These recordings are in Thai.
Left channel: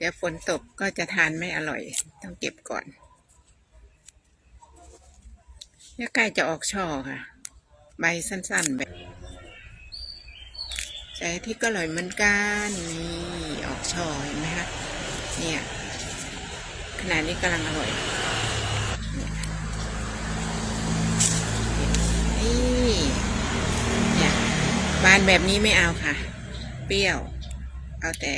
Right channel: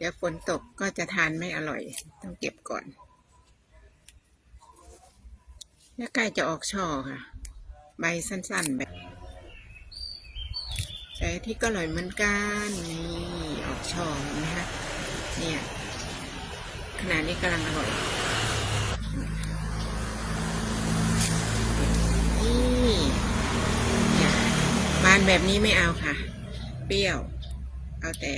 เดี๋ยวฝนตกก็จะทานไม่อร่อย ต้องเก็บก่อนเนี่ยใกล้จะออกช่อค่ะ ใบสั้นๆแบบแต่ที่ก็อร่อยเหมือนกันนี่ออกช่อเห็นไหมคะเนี่ยขนาดนี้กำลังอร่อยนี่เนี่ยบานแบบนี้ไม่เอาค่ะ เปรี้ยว เอาแต่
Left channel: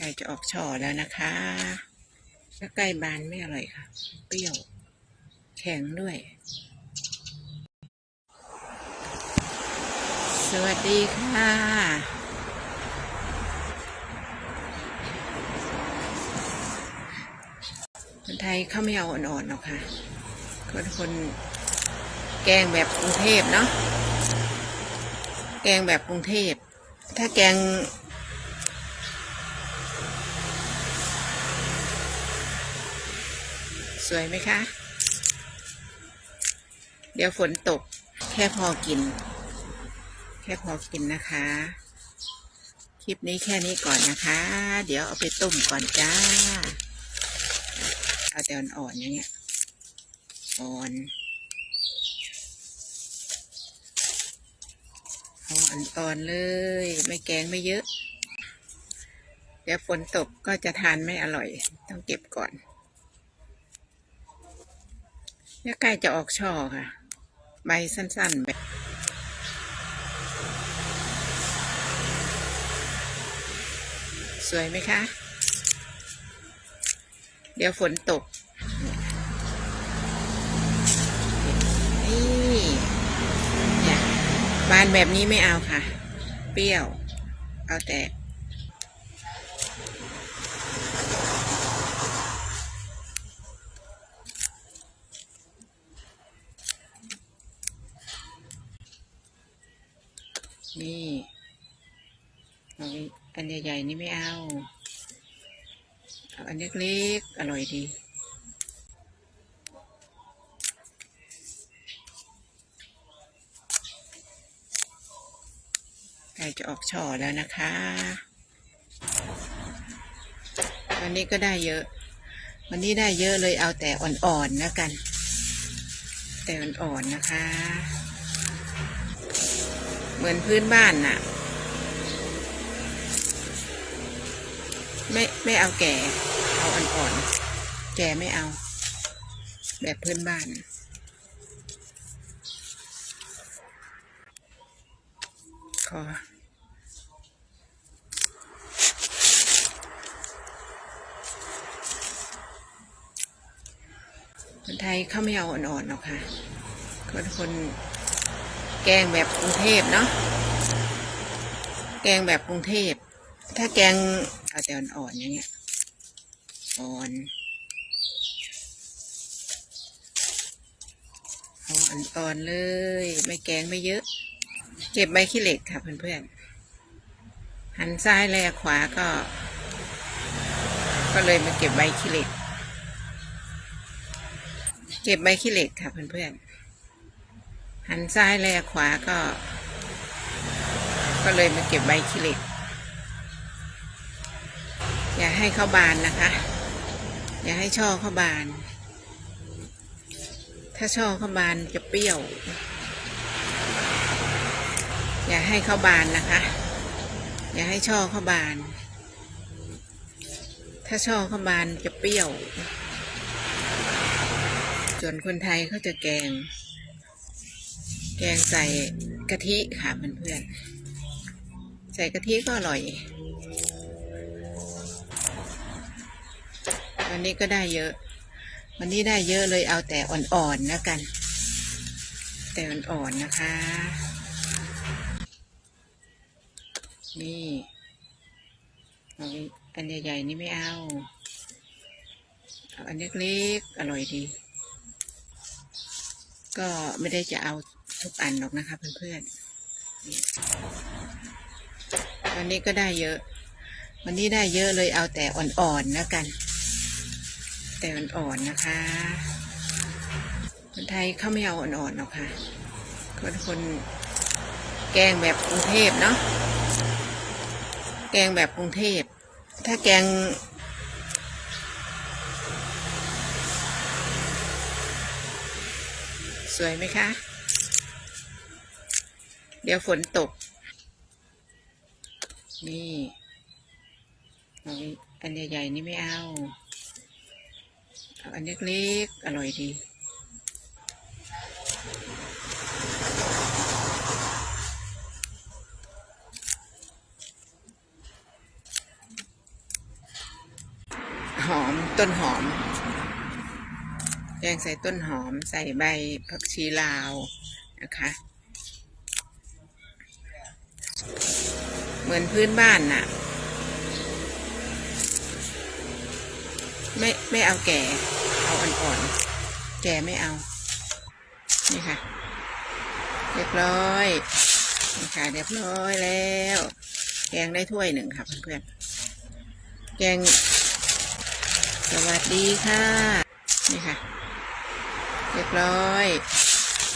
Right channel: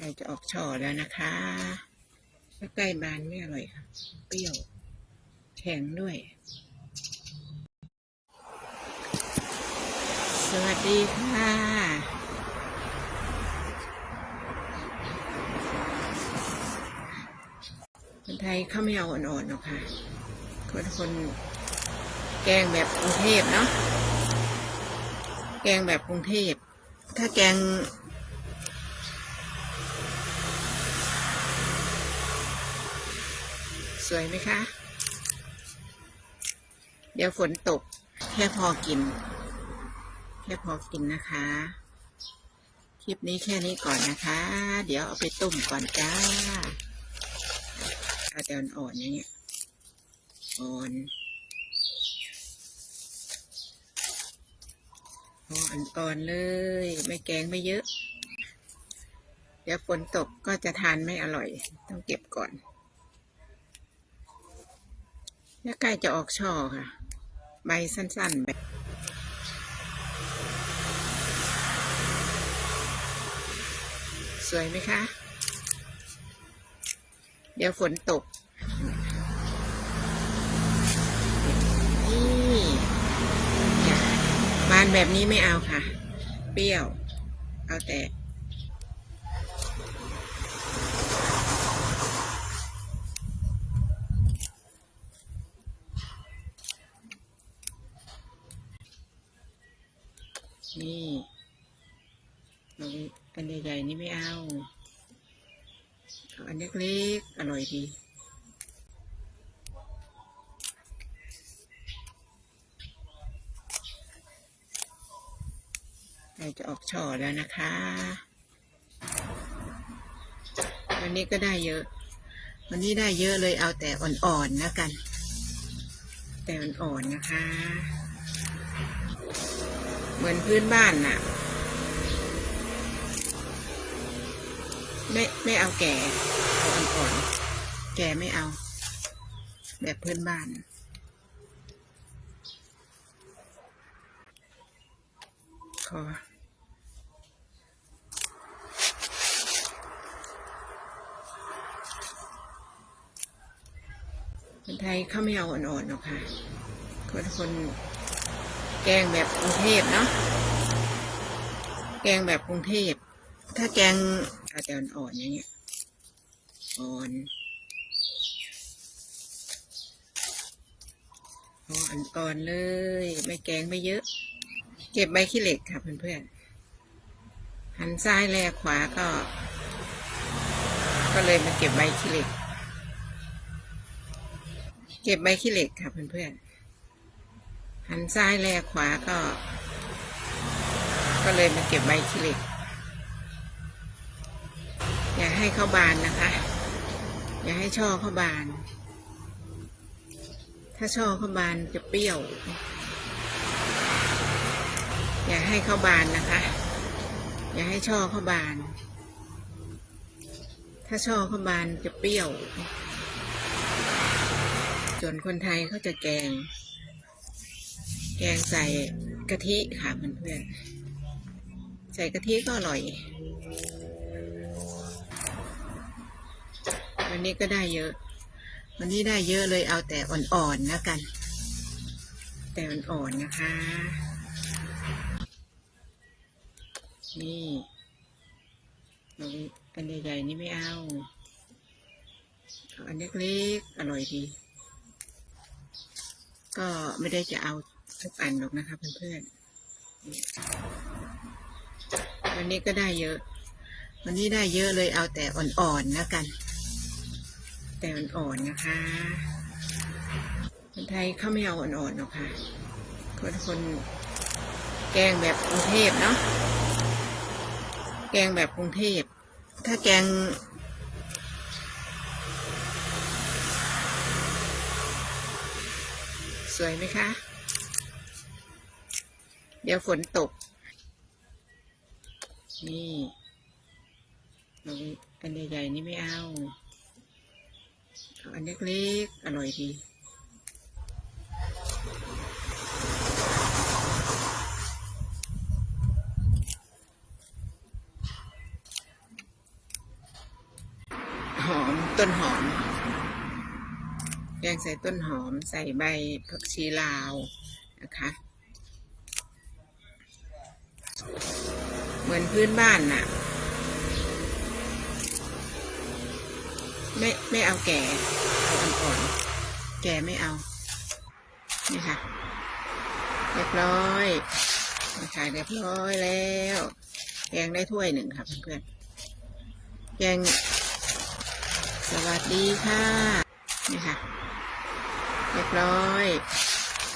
ใกล้จะออกช่อแล้วนะคะถ้าใกล้บานไม่อร่อยค่ะ เปรี้ยว แข็งด้วย สวัสดีค่ะคนไทยเขาไม่เอาอ่อนๆหรอกค่ะคนคนแกงแบบกรุงเทพเนาะแกงแบบกรุงเทพ ถ้าแกง สวยไหมคะ เดี๋ยวฝนตก แค่พอกิน แค่พอกินนะคะ คลิปนี้แค่นี้ก่อนนะคะ เดี๋ยวเอาไปต้มก่อนจ้า เอาแต่อ่อนๆอย่างเงี้ย อ่อนออ่อนๆเลย ไม่แกงไม่เยอะ เดี๋ยวฝนตกก็จะทานไม่อร่อย ต้องเก็บก่อน เนี่ยใกล้จะออกช่อค่ะ ใบสั้นๆแบบสวยไหมคะ เดี๋ยวฝนตก นี่เนี่ยบานแบบนี้ไม่เอาค่ะ เปรี้ยว เอาแต่ นี่เอาอัน ใหญ่ๆนี่ไม่เอาเอาอันเล็กๆอร่อยดีใกล้จะออกช่อแล้วนะคะ วันนี้ก็ได้เยอะ วันนี้ได้เยอะเลยเอาแต่อ่อนๆนะกัน แต่อ่อนๆนะคะ เหมือนพื้นบ้านน่ะ ไม่ไม่เอาแก่ เอาอ่อนๆ แก่ไม่เอา แบบพื้นบ้าน ขอคนไทยเขาไม่เอาอ่อนๆหรอกค่ะคนคนแกงแบบกรุงเทพเนาะ แกงแบบกรุงเทพ ถ้าแกง เอาแต่อ่อนๆอย่างเงี้ยอ่อนอาอ่อนๆเลย ไม่แกงไม่เยอะ เก็บใบขี้เหล็กค่ะเพื่อนๆหันซ้ายแลขวาก็ ก็เลยมาเก็บใบขี้เหล็ก เก็บใบขี้เหล็กค่ะเพื่อนๆหันซ้ายแลขวาก็ ก็เลยมาเก็บใบขี้เหล็ก ให้เข้าบานนะคะ อย่าให้ช่อเข้าบาน ถ้าช่อเข้าบานจะเปรี้ยว อย่าให้เข้าบานนะคะ อย่าให้ช่อเข้าบาน ถ้าช่อเข้าบานจะเปรี้ยว ส่วนคนไทยเขาจะแกง แกงใส่กะทิค่ะเพื่อนๆใส่กะทิก็อร่อย วันนี้ก็ได้เยอะ วันนี้ได้เยอะเลยเอาแต่อ่อนๆนะกัน แต่อ่อนๆนะคะ นี่อาอันใหญ่ๆนี่ไม่เอาเอาอันเล็กๆอร่อยดี ก็ไม่ได้จะเอาทุกอันหรอกนะคะเพื่อนๆวันนี้ก็ได้เยอะ วันนี้ได้เยอะเลยเอาแต่อ่อนๆนะกัน แต่อ่อนๆนะคะคนไทยเขาไม่เอาอ่อนๆหรอกค่ะคนคนแกงแบบกรุงเทพเนาะแกงแบบกรุงเทพถ้าแกง สวยไหมคะ เดี๋ยวฝนตก นี่ อันใหญ่ๆนี่ไม่เอา อาอันเล็กๆอร่อยดีหอมต้นหอม แกงใส่ต้นหอมใส่ใบผักชีลาวนะคะเหมือนพื้นบ้านน่ะ ไม่ไม่เอาแก่ เอาอ่อนๆ แก่ไม่เอา นี่ค่ะ เรียบร้อยนี่ค่ะเรียบร้อยแล้ว แกงได้ถ้วยหนึ่งค่ะเพื่อนๆ แกง สวัสดีค่ะ นี่ค่ะ เรียบร้อย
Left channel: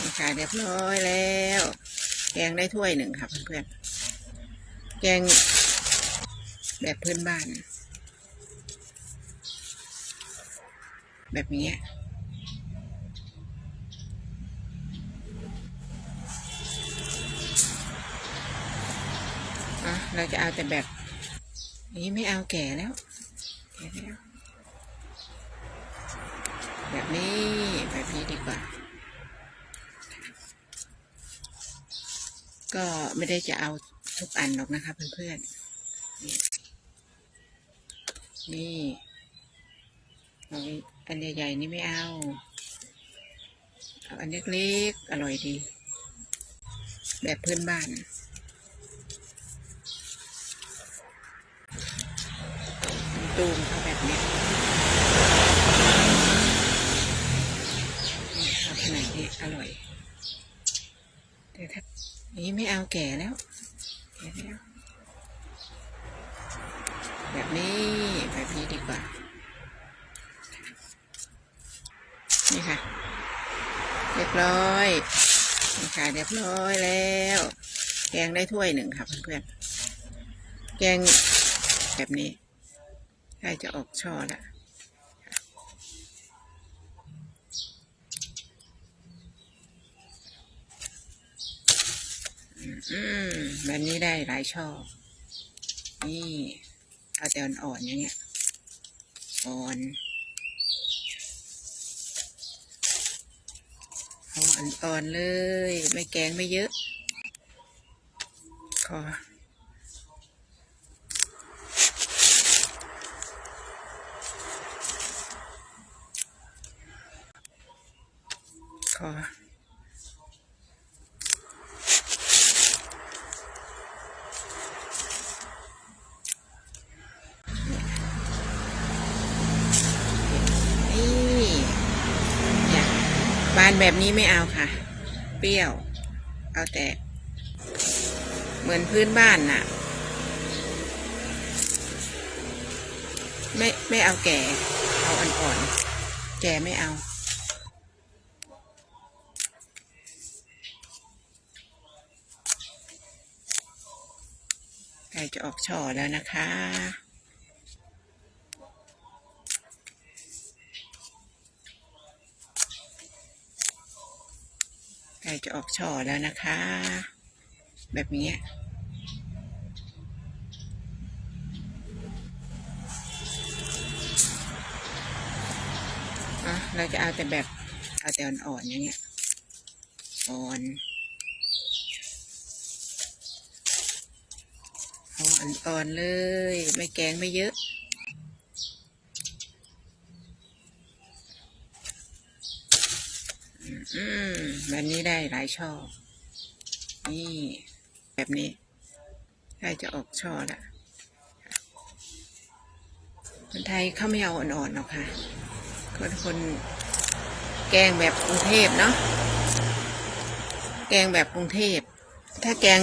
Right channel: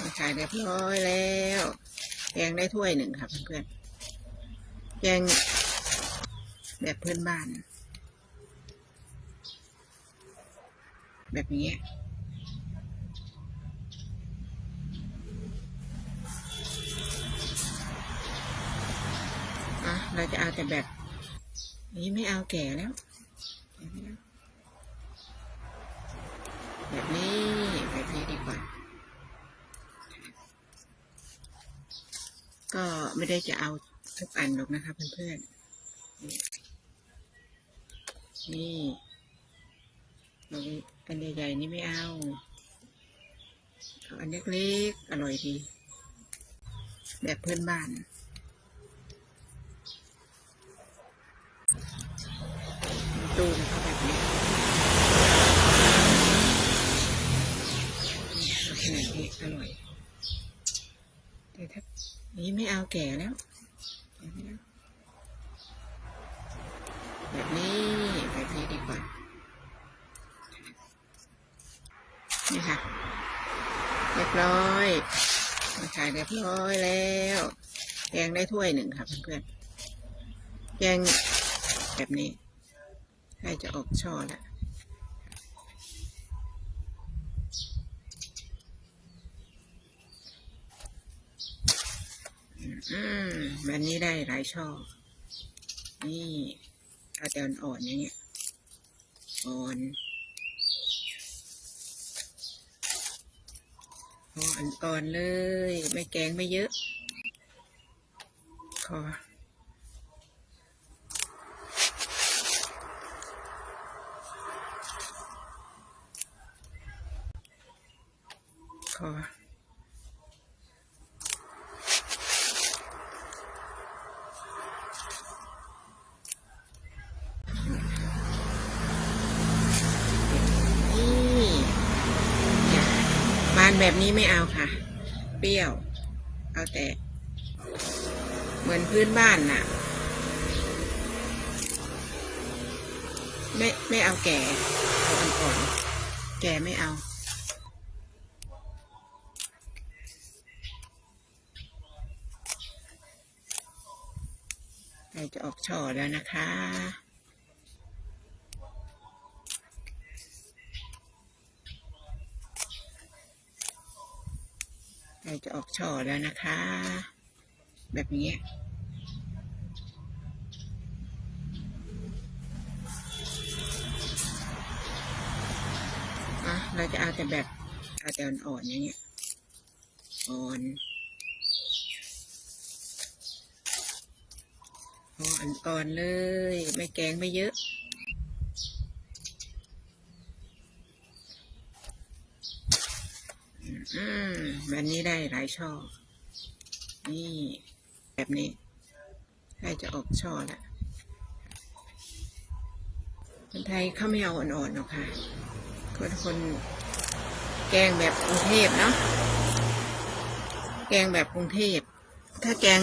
นี่ค่ะเรียบร้อยแล้ว แกงได้ถ้วยหนึ่งค่ะเพื่อนๆ แกงแบบเพื้นบ้าน แบบนี้เราจะเอาแต่แบบ นี้ไม่เอาแก่แล้วแบบนี้แบบนี้ดีกว่า ก็ไม่ได้จะเอาทุกอันหรอกนะคะเพื่อนๆนี่นี่อันใหญ่ๆนี่ไม่เอาเอาอันเล็กๆอร่อยดี แบบเพื่อนบ้านตูมแบบเนี้ยขนาดนี้อร่อยแต่ถ้าอย่างนี้ไม่เอาแก่แล้วแก่แล้ว แบบนี้แบบนี้ดีกว่า นี่ค่ะ เรียบร้อยนี่ค่ะเรียบร้อยแล้ว แกงได้ถ้วยหนึ่งค่ะเพื่อนๆแกงแบบนี้ใกล้จะออกช่อแล้วอืมแบบนี้ได้หลายช่อ นี่เอาแต่อ่อนๆอย่างเงี้ยอ่อนเอาอ่อนๆเลย ไม่แกงไม่เยอะ ขอ ขอ นี่อยากบาน แบบนี้ไม่เอาค่ะ เปรี้ยว เอาแต่ เหมือนพื้นบ้านน่ะ ไม่ไม่เอาแก่ เอาอ่อนๆ แก่ไม่เอาใกล้จะออกช่อแล้วนะคะ กล้จะออกช่อแล้วนะคะ แบบนี้เราจะเอาแต่แบบเอาแต่อ่อนๆอย่างเงี้ยอ่อนอ่อนๆเลย ไม่แกงไม่เยอะ อืมแบบนี้ได้หลายช่อ นี่ แบบนี้ใกล้จะออกช่อแล้วคนไทยเขาไม่เอาอ่อนๆหรอกค่ะคนคนแกงแบบกรุงเทพเนาะแกงแบบกรุงเทพ ถ้าแกง